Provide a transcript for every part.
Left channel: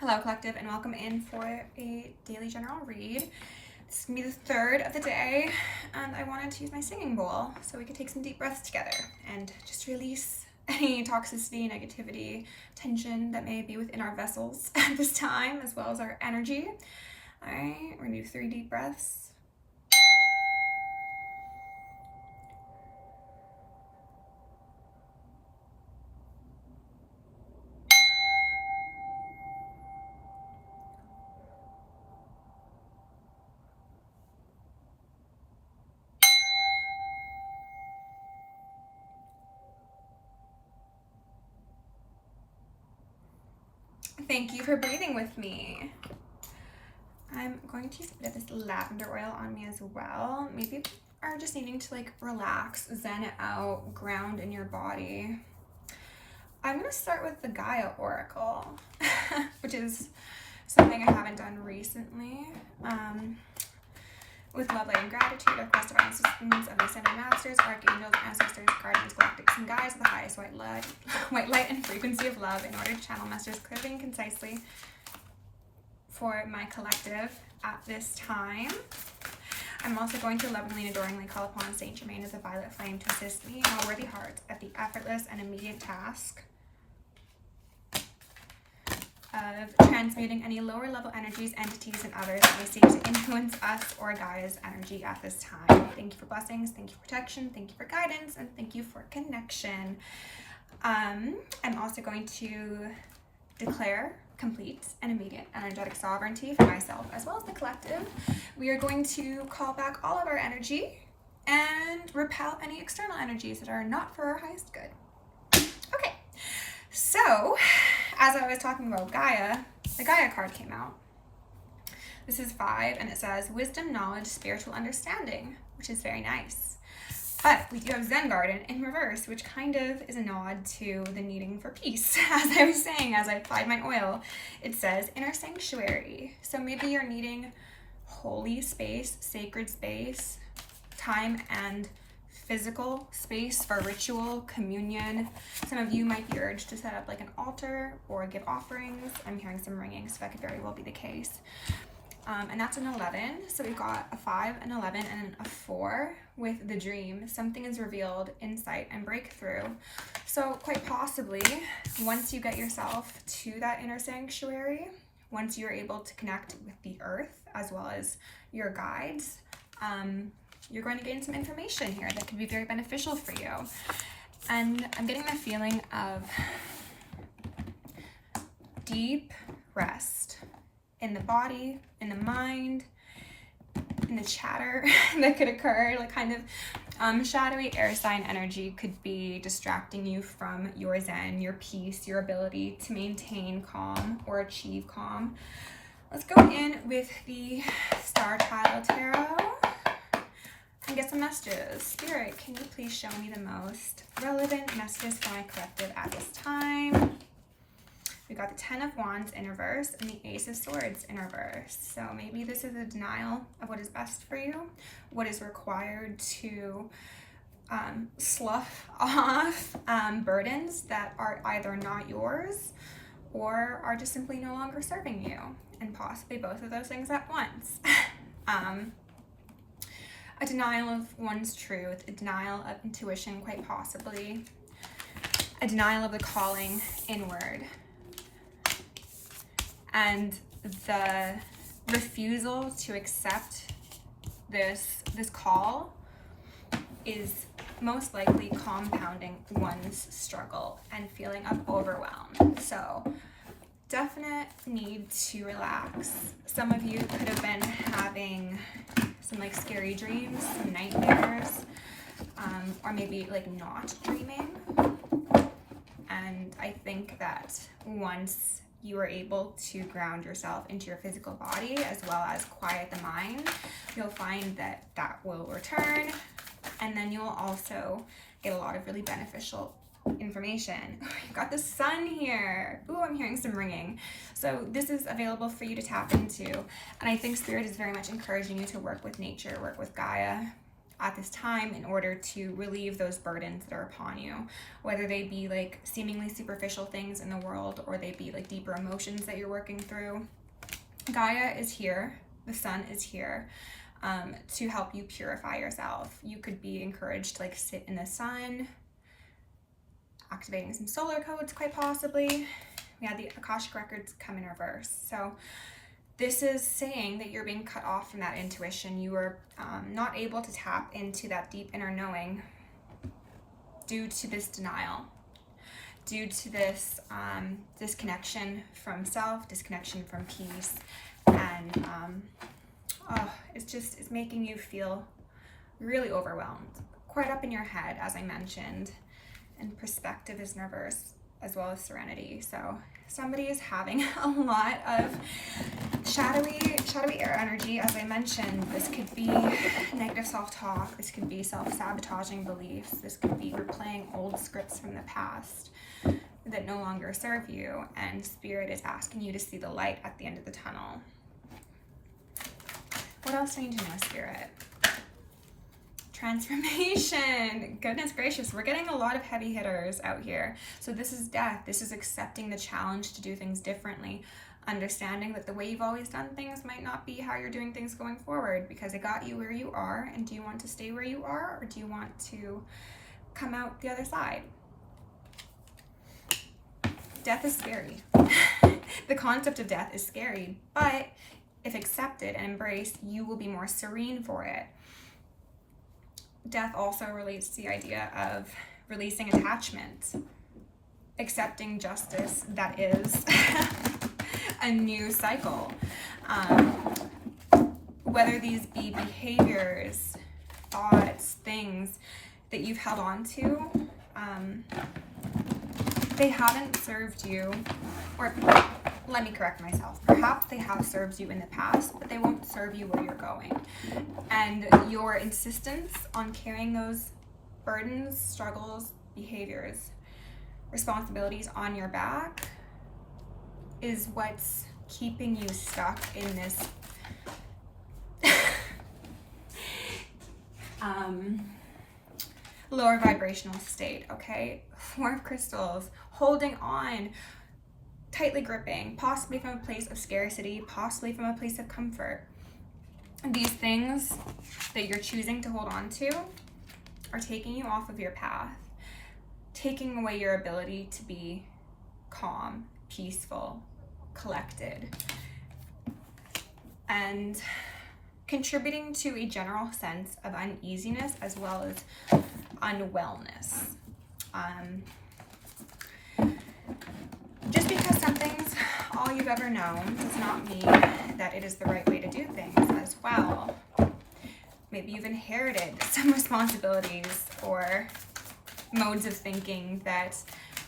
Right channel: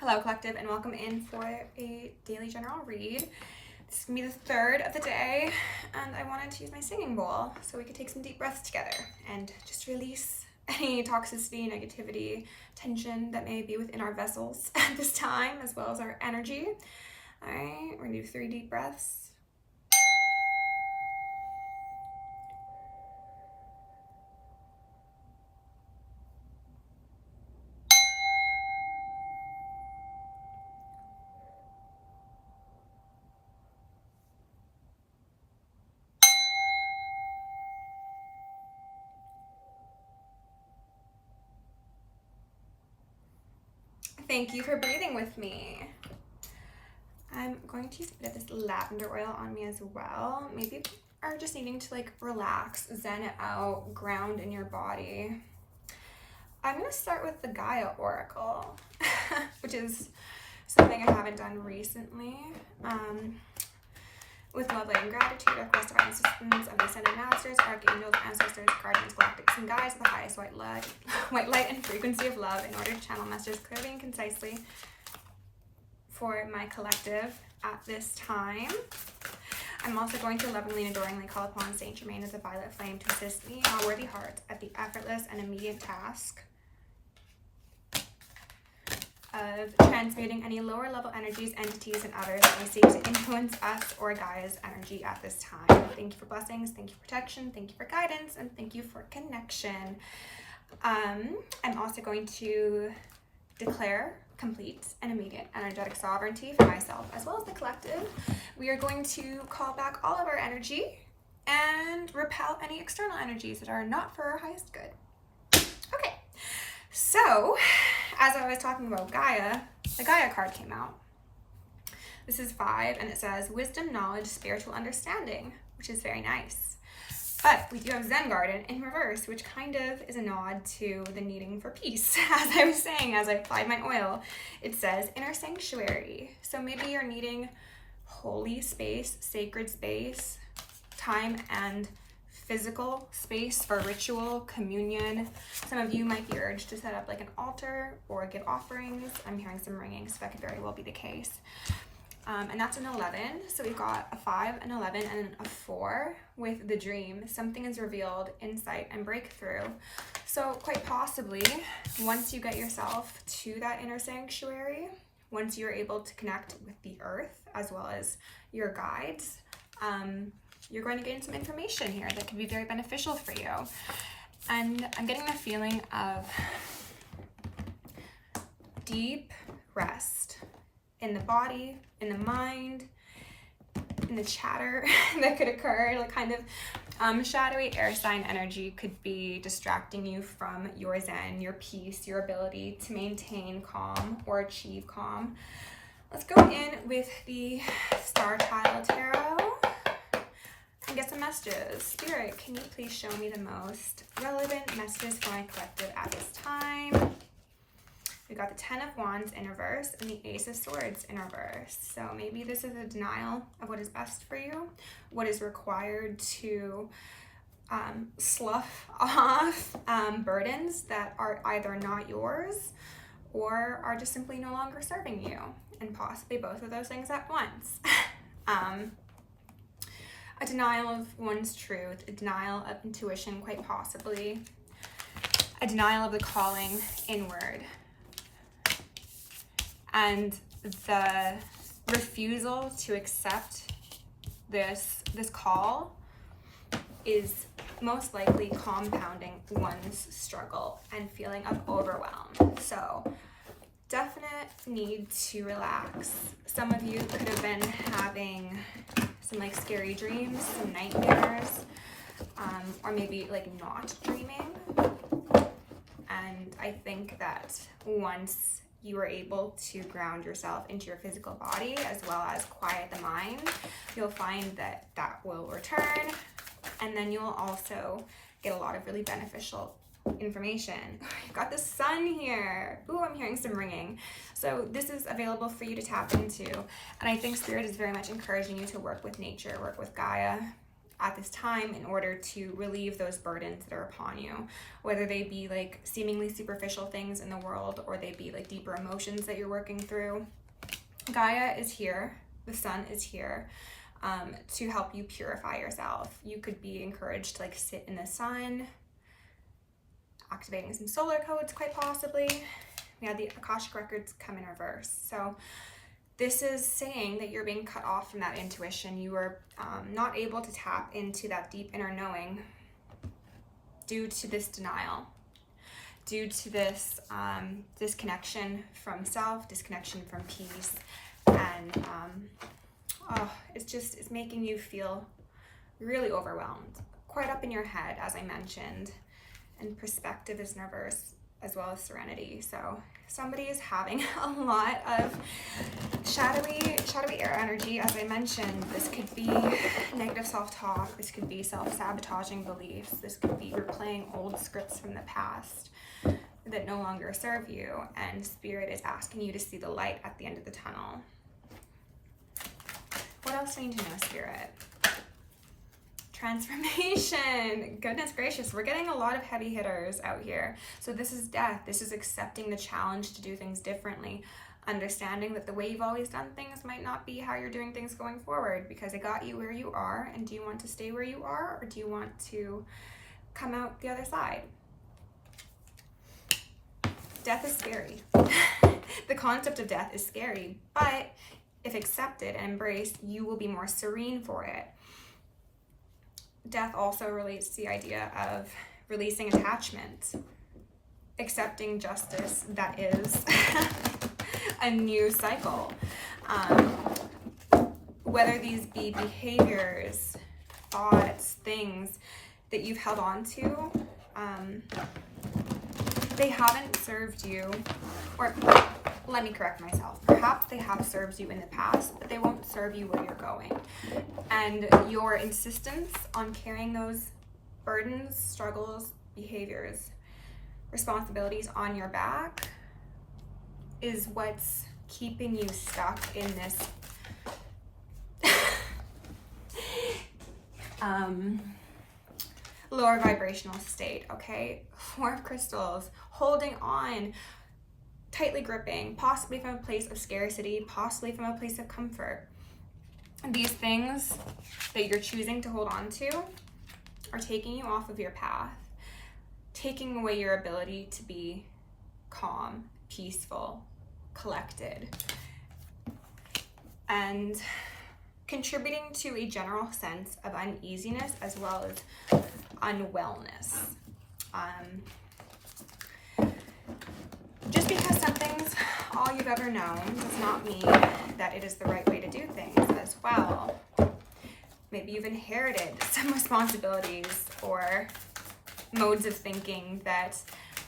Hello, collective, and welcome in for a daily general read. This is going to be the third of the day, and I wanted to use my singing bowl so we could take some deep breaths together and just release any toxicity, negativity, tension that may be within our vessels at this time, as well as our energy. All right, we're going to do 3 deep breaths. Thank you for breathing with me. I'm going to use a bit of this lavender oil on me as well. Maybe you are just needing to relax, zen it out, ground in your body. I'm going to start with the Gaia Oracle, which is something I haven't done recently. With love, light, and gratitude, I request divine assistance of the ascended masters, archangels, ancestors, guardians, galactics, and guides of the highest white light and frequency of love in order to channel messages clearly and concisely for my collective at this time. I'm also going to lovingly and adoringly call upon Saint Germain as a violet flame to assist me, my worthy heart, at the effortless and immediate task of transmuting any lower level energies, entities, and others that may seek to influence us or Gaia's energy at this time. Thank you for blessings, thank you for protection, thank you for guidance, and thank you for connection. I'm also going to declare complete and immediate energetic sovereignty for myself as well as the collective. We are going to call back all of our energy and repel any external energies that are not for our highest good. Okay, so as I was talking about Gaia, the Gaia card came out. This is 5, and it says wisdom, knowledge, spiritual understanding, which is very nice. But we do have Zen Garden in reverse, which kind of is a nod to the needing for peace. As I was saying, as I applied my oil, it says inner sanctuary. So maybe you're needing holy space, sacred space, time and physical space for ritual, communion. Some of you might be urged to set up an altar or give offerings. I'm hearing some ringing, so that could very well be the case. And that's an 11. So we've got a 5, an 11, and a 4 with the dream. Something is revealed, insight, and breakthrough. So quite possibly, once you get yourself to that inner sanctuary, once you're able to connect with the earth as well as your guides, you're going to gain some information here that can be very beneficial for you. And I'm getting the feeling of deep rest in the body, in the mind, in the chatter that could occur. Kind of shadowy air sign energy could be distracting you from your zen, your peace, your ability to maintain calm or achieve calm. Let's go in with the Star Child Tarot and get some messages. Spirit, can you please show me the most relevant messages for my collective at this time? We got the 10 of Wands in reverse and the Ace of Swords in reverse. So maybe this is a denial of what is best for you, what is required to slough off burdens that are either not yours or are just simply no longer serving you, and possibly both of those things at once. A denial of one's truth, a denial of intuition, quite possibly, a denial of the calling inward, and the refusal to accept this call is most likely compounding one's struggle and feeling of overwhelm. So definite need to relax. Some of you could have been having some scary dreams, some nightmares, or maybe not dreaming. And I think that once you are able to ground yourself into your physical body as well as quiet the mind, you'll find that that will return, and then you'll also get a lot of really beneficial information. You've got the sun here. Ooh, I'm hearing some ringing. So this is available for you to tap into, and I think Spirit is very much encouraging you to work with nature, work with Gaia, at this time in order to relieve those burdens that are upon you, whether they be like seemingly superficial things in the world or they be like deeper emotions that you're working through. Gaia is here, the sun is here to help you purify yourself. You could be encouraged to like sit in the sun, activating some solar codes quite possibly. We had the Akashic records come in reverse. So this is saying that you're being cut off from that intuition. You are not able to tap into that deep inner knowing due to this denial, due to this disconnection from self, disconnection from peace, and it's making you feel really overwhelmed, quite up in your head, as I mentioned, and perspective is in reverse, as well as serenity. So somebody is having a lot of shadowy air energy. As I mentioned, this could be negative self-talk, this could be self-sabotaging beliefs, this could be replaying old scripts from the past that no longer serve you, and Spirit is asking you to see the light at the end of the tunnel. What else do I need to know, Spirit? Transformation. Goodness gracious, we're getting a lot of heavy hitters out here. So this is death. This is accepting the challenge to do things differently, understanding that the way you've always done things might not be how you're doing things going forward, because it got you where you are. And do you want to stay where you are, or do you want to come out the other side? Death is scary. The concept of death is scary, but if accepted and embraced, you will be more serene for it. Death also relates to the idea of releasing attachment, accepting justice that is a new cycle. Whether these be behaviors, thoughts, things that you've held on to, they haven't served you, or let me correct myself. Perhaps they have served you in the past, but they won't serve you where you're going. And your insistence on carrying those burdens, struggles, behaviors, responsibilities on your back is what's keeping you stuck in this lower vibrational state, okay? Four of Crystals, holding on, tightly gripping, possibly from a place of scarcity, possibly from a place of comfort. These things that you're choosing to hold on to are taking you off of your path, taking away your ability to be calm, peaceful, collected, and contributing to a general sense of uneasiness as well as unwellness. Just because something's all you've ever known does not mean that it is the right way to do things as well. Maybe you've inherited some responsibilities or modes of thinking that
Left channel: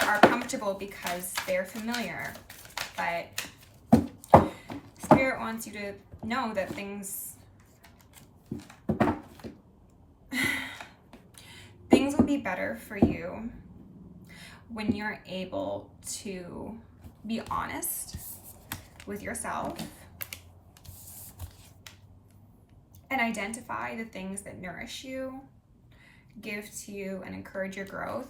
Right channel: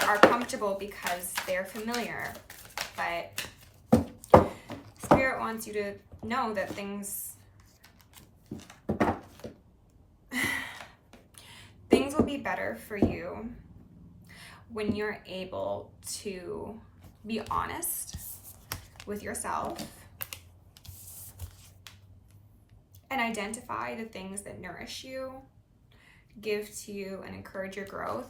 are comfortable because they're familiar. But Spirit wants you to know that things will be better for you when you're able to be honest with yourself and identify the things that nourish you, give to you, and encourage your growth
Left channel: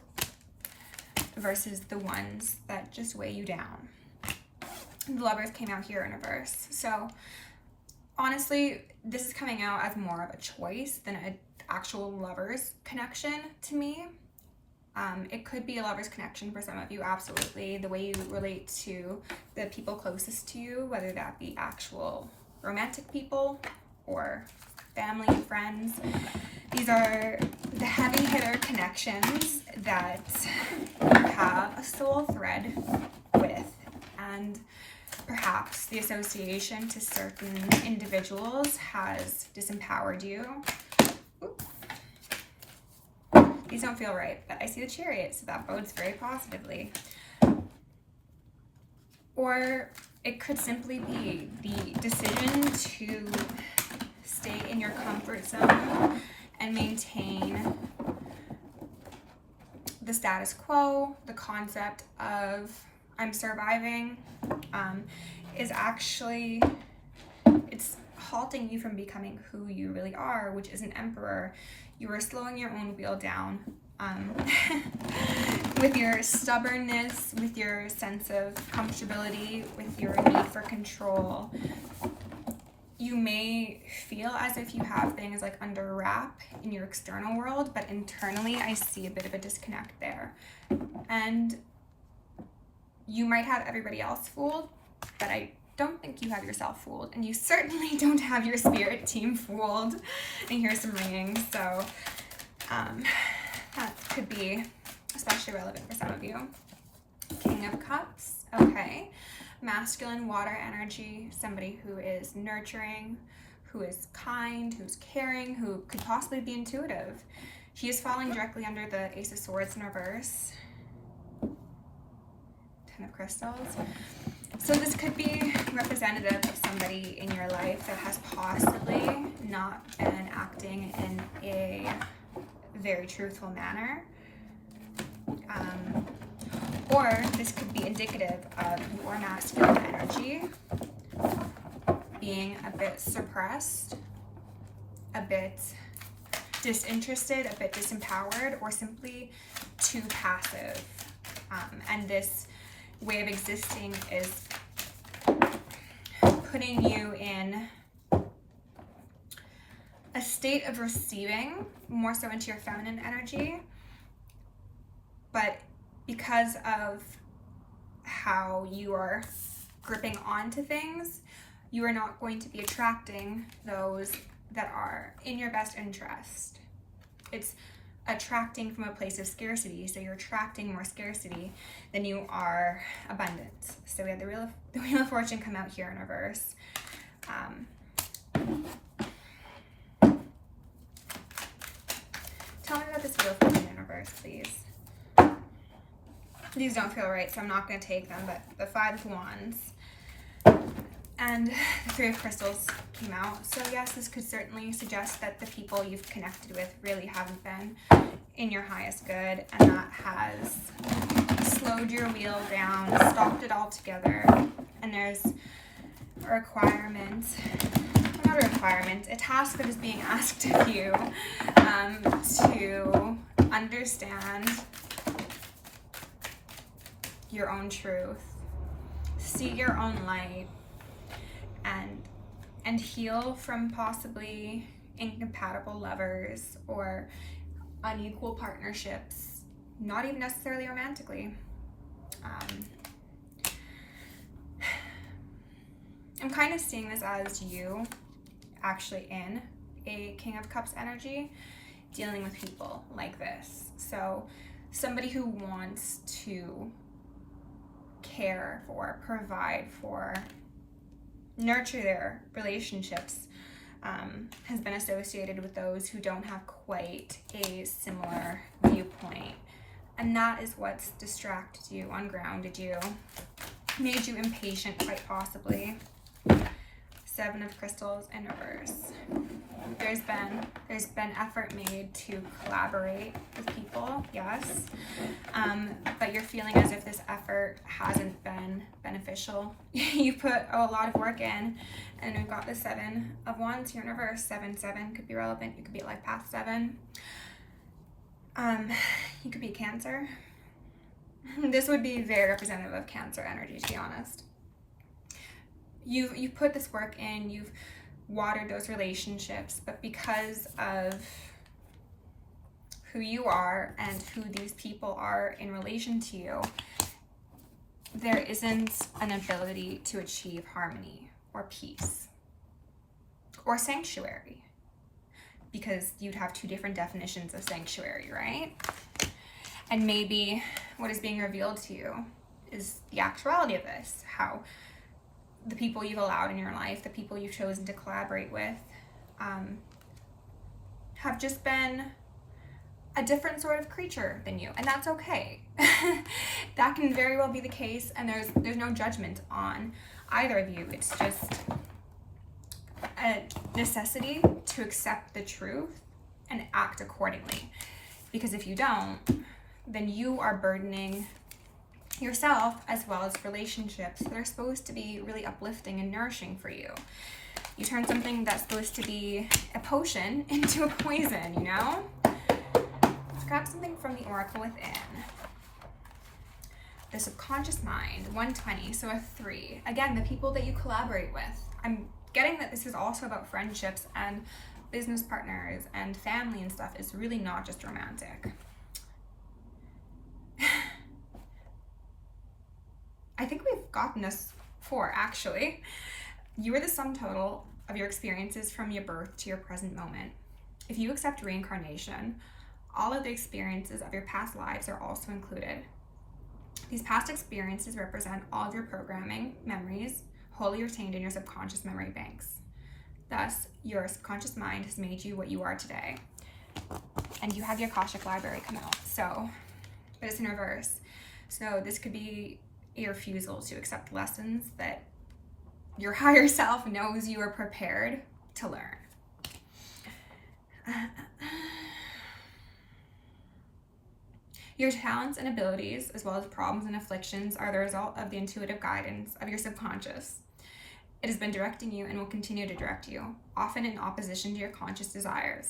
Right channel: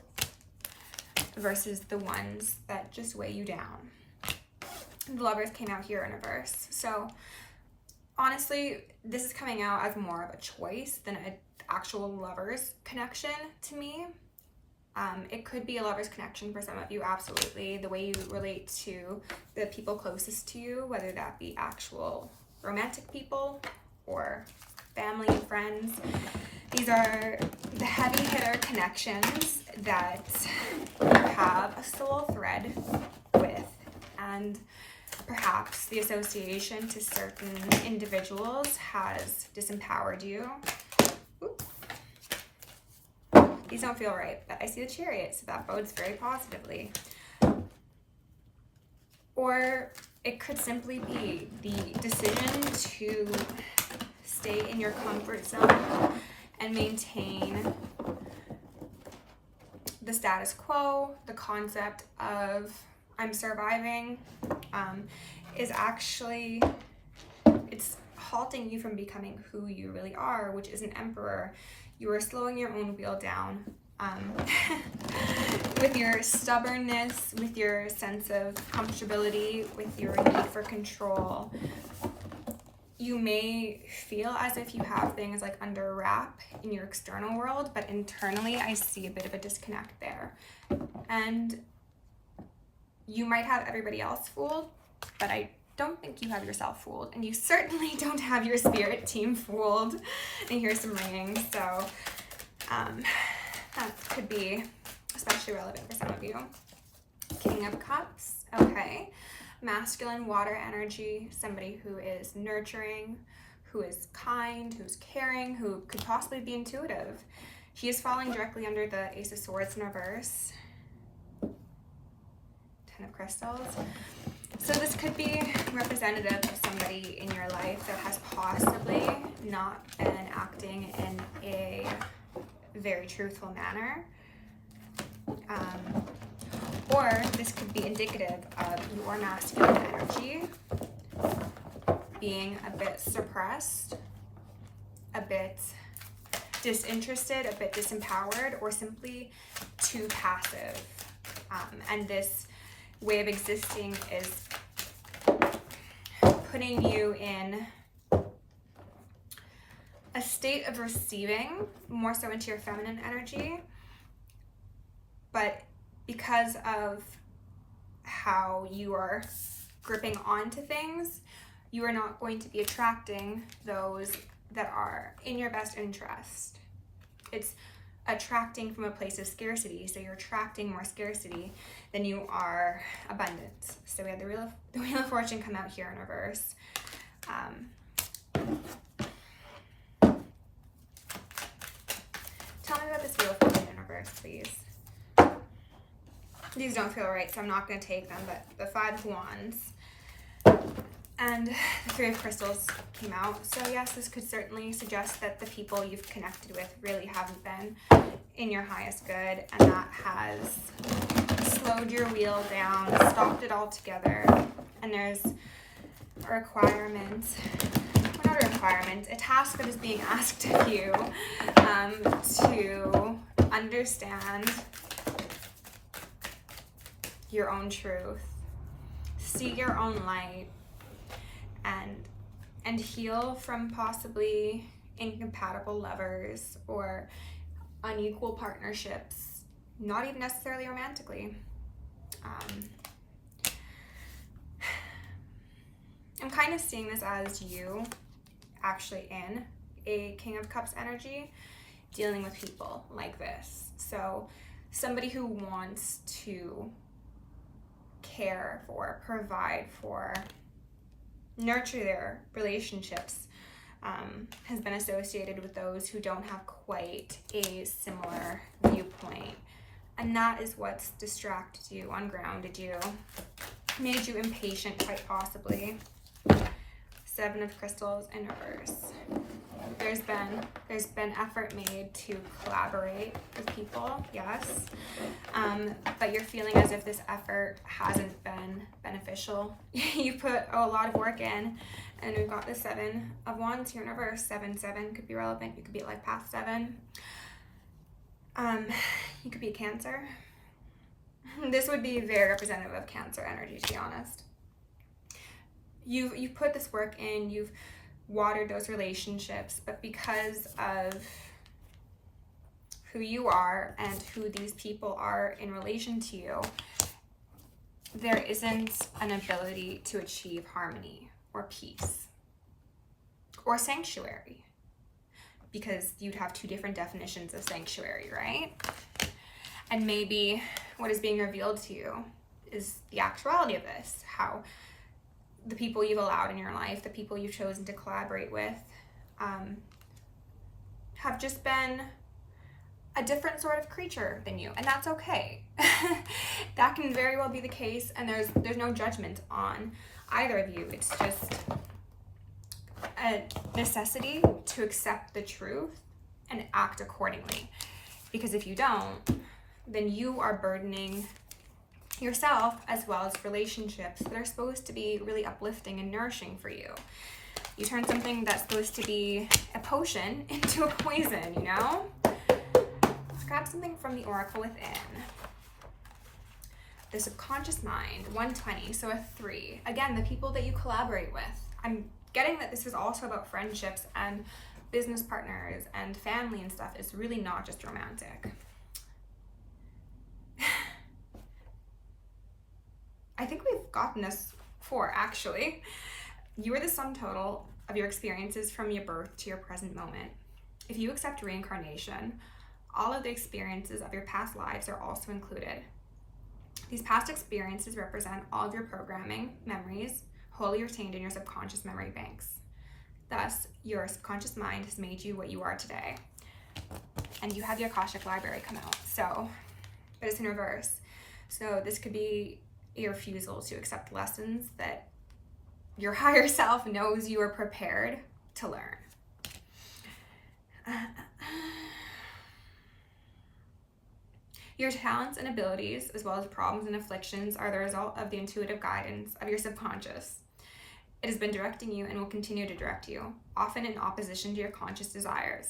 versus the ones that just weigh you down. The Lovers came out here in reverse. So honestly, this is coming out as more of a choice than an actual lover's connection to me. It could be a lover's connection for some of you, absolutely. The way you relate to the people closest to you, whether that be actual romantic people or family and friends. These are the heavy hitter connections that you have a soul thread with, and perhaps the association to certain individuals has disempowered you. Oop. These don't feel right, but I see the Chariot, so that bodes very positively. Or it could simply be the decision to stay in your comfort zone and maintain the status quo. The concept of I'm surviving is actually, it's halting you from becoming who you really are, which is an emperor. You are slowing your own wheel down with your stubbornness, with your sense of comfortability, with your need for control. You may feel as if you have things like under wrap in your external world, but internally I see a bit of a disconnect there. And you might have everybody else fooled, but I don't think you have yourself fooled, and you certainly don't have your spirit team fooled. And here's some ringing, so that could be especially relevant for some of you. King of Cups, okay. Masculine water energy, somebody who is nurturing, who is kind, who's caring, who could possibly be intuitive. He is falling directly under the Ace of Swords in reverse. 10 of Crystals. So this could be representative of somebody in your life that has possibly not been acting in a very truthful manner. Or this could be indicative of your masculine energy being a bit suppressed, a bit disinterested, a bit disempowered, or simply too passive. And this way of existing is putting you in a state of receiving, more so into your feminine energy, but because of how you are gripping onto things, you are not going to be attracting those that are in your best interest. It's attracting from a place of scarcity, so you're attracting more scarcity than you are abundance. So we have the Wheel of Fortune come out here in reverse. Tell me about this Wheel of Fortune in reverse, please. These don't feel right, so I'm not going to take them, but the Five of Wands and the Three of Crystals came out. So yes, this could certainly suggest that the people you've connected with really haven't been in your highest good, and that has slowed your wheel down, stopped it all together. And there's a requirement, well, not a requirement, a task that is being asked of you to understand your own truth, see your own light, and heal from possibly incompatible lovers or unequal partnerships, not even necessarily romantically. I'm kind of seeing this as you actually in a King of Cups energy, dealing with people like this. So somebody who wants to care for, provide for, nurture their relationships has been associated with those who don't have quite a similar viewpoint. And that is what's distracted you, ungrounded you, made you impatient quite possibly. Seven of Crystals in reverse. There's been effort made to collaborate with people, yes, but you're feeling as if this effort hasn't been beneficial. You put a lot of work in, and we've got the Seven of Wands here in reverse. 7-7 could be relevant. You could be at life path 7. You could be Cancer. This would be very representative of Cancer energy, to be honest. You've put this work in, you've watered those relationships, but because of who you are and who these people are in relation to you, there isn't an ability to achieve harmony or peace or sanctuary, because you'd have two different definitions of sanctuary, right? And maybe what is being revealed to you is the actuality of this, how the people you've allowed in your life, the people you've chosen to collaborate with, have just been a different sort of creature than you, and that's okay. That can very well be the case, and there's no judgment on either of you. It's just a necessity to accept the truth and act accordingly. Because if you don't, then you are burdening yourself as well as relationships that are supposed to be really uplifting and nourishing for you. You turn something that's supposed to be a potion into a poison, you know? Let's grab something from the Oracle Within. The subconscious mind, 120, so a 3. Again, the people that you collaborate with. I'm getting that this is also about friendships and business partners and family and stuff. It's really not just romantic. I think we've gotten this before, actually. You are the sum total of your experiences from your birth to your present moment. If you accept reincarnation, all of the experiences of your past lives are also included. These past experiences represent all of your programming, memories, wholly retained in your subconscious memory banks. Thus, your subconscious mind has made you what you are today. And you have your Akashic Library come out, so, but it's in reverse. So this could be a refusal to accept lessons that your higher self knows you are prepared to learn. Your talents and abilities, as well as problems and afflictions, are the result of the intuitive guidance of your subconscious. It has been directing you and will continue to direct you, often in opposition to your conscious desires.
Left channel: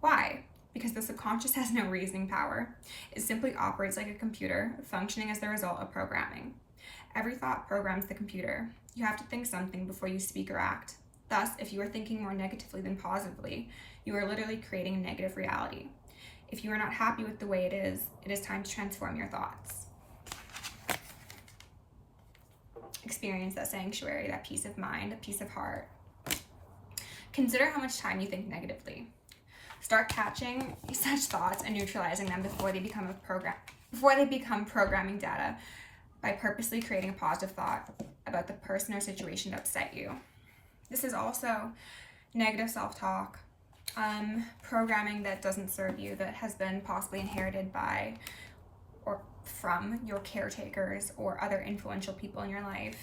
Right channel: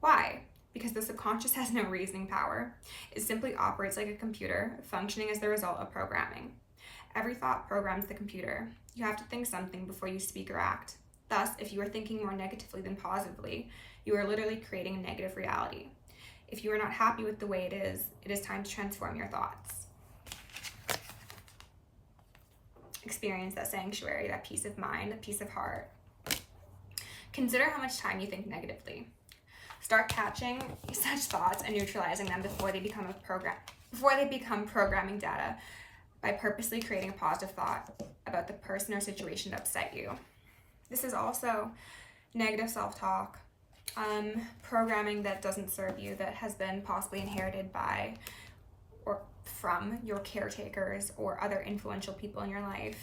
Why? Because the subconscious has no reasoning power. It simply operates like a computer, functioning as the result of programming. Every thought programs the computer. You have to think something before you speak or act. Thus, if you are thinking more negatively than positively, you are literally creating a negative reality. If you are not happy with the way it is time to transform your thoughts. Experience that sanctuary, that peace of mind, that peace of heart. Consider how much time you think negatively. Start catching such thoughts and neutralizing them before they become programming data by purposely creating a positive thought about the person or situation that upset you. This is also negative self-talk, programming that doesn't serve you, that has been possibly inherited by or from your caretakers or other influential people in your life.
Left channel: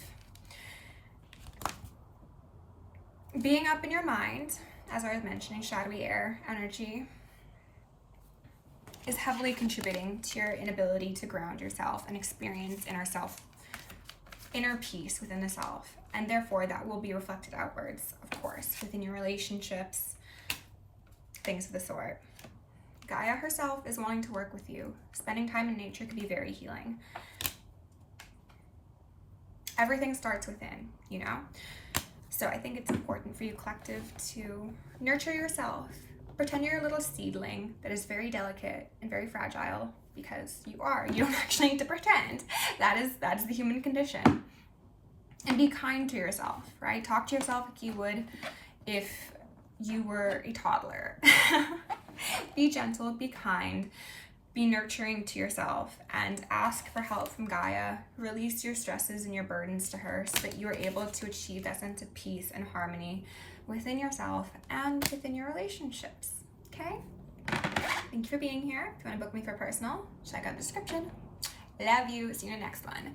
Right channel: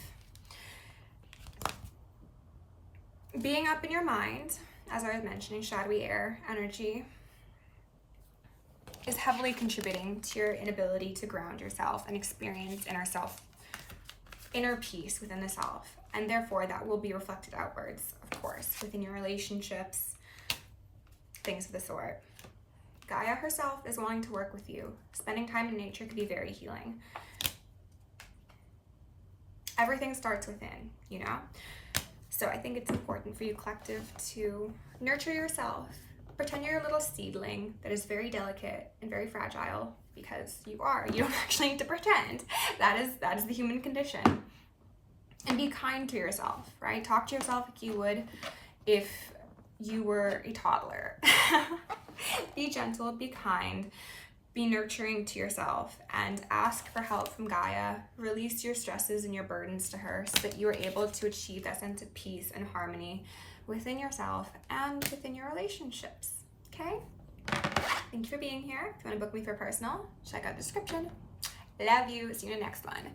Being up in your mind, as I was mentioning, shadowy air energy, is heavily contributing to your inability to ground yourself and experience inner peace within the self. And therefore, that will be reflected outwards, of course, within your relationships, things of the sort. Gaia herself is wanting to work with you. Spending time in nature can be very healing. Everything starts within, you know? So I think it's important for you, collective, to nurture yourself. Pretend you're a little seedling that is very delicate and very fragile, because you are. You don't actually need to pretend. That is the human condition. And be kind to yourself, right? Talk to yourself like you would if you were a toddler. Be gentle, be kind, be nurturing to yourself, and ask for help from Gaia. Release your stresses and your burdens to her so that you are able to achieve that sense of peace and harmony within yourself and within your relationships, okay? Thank you for being here. If you want to book me for personal, check out the description. Love you. See you in the next one.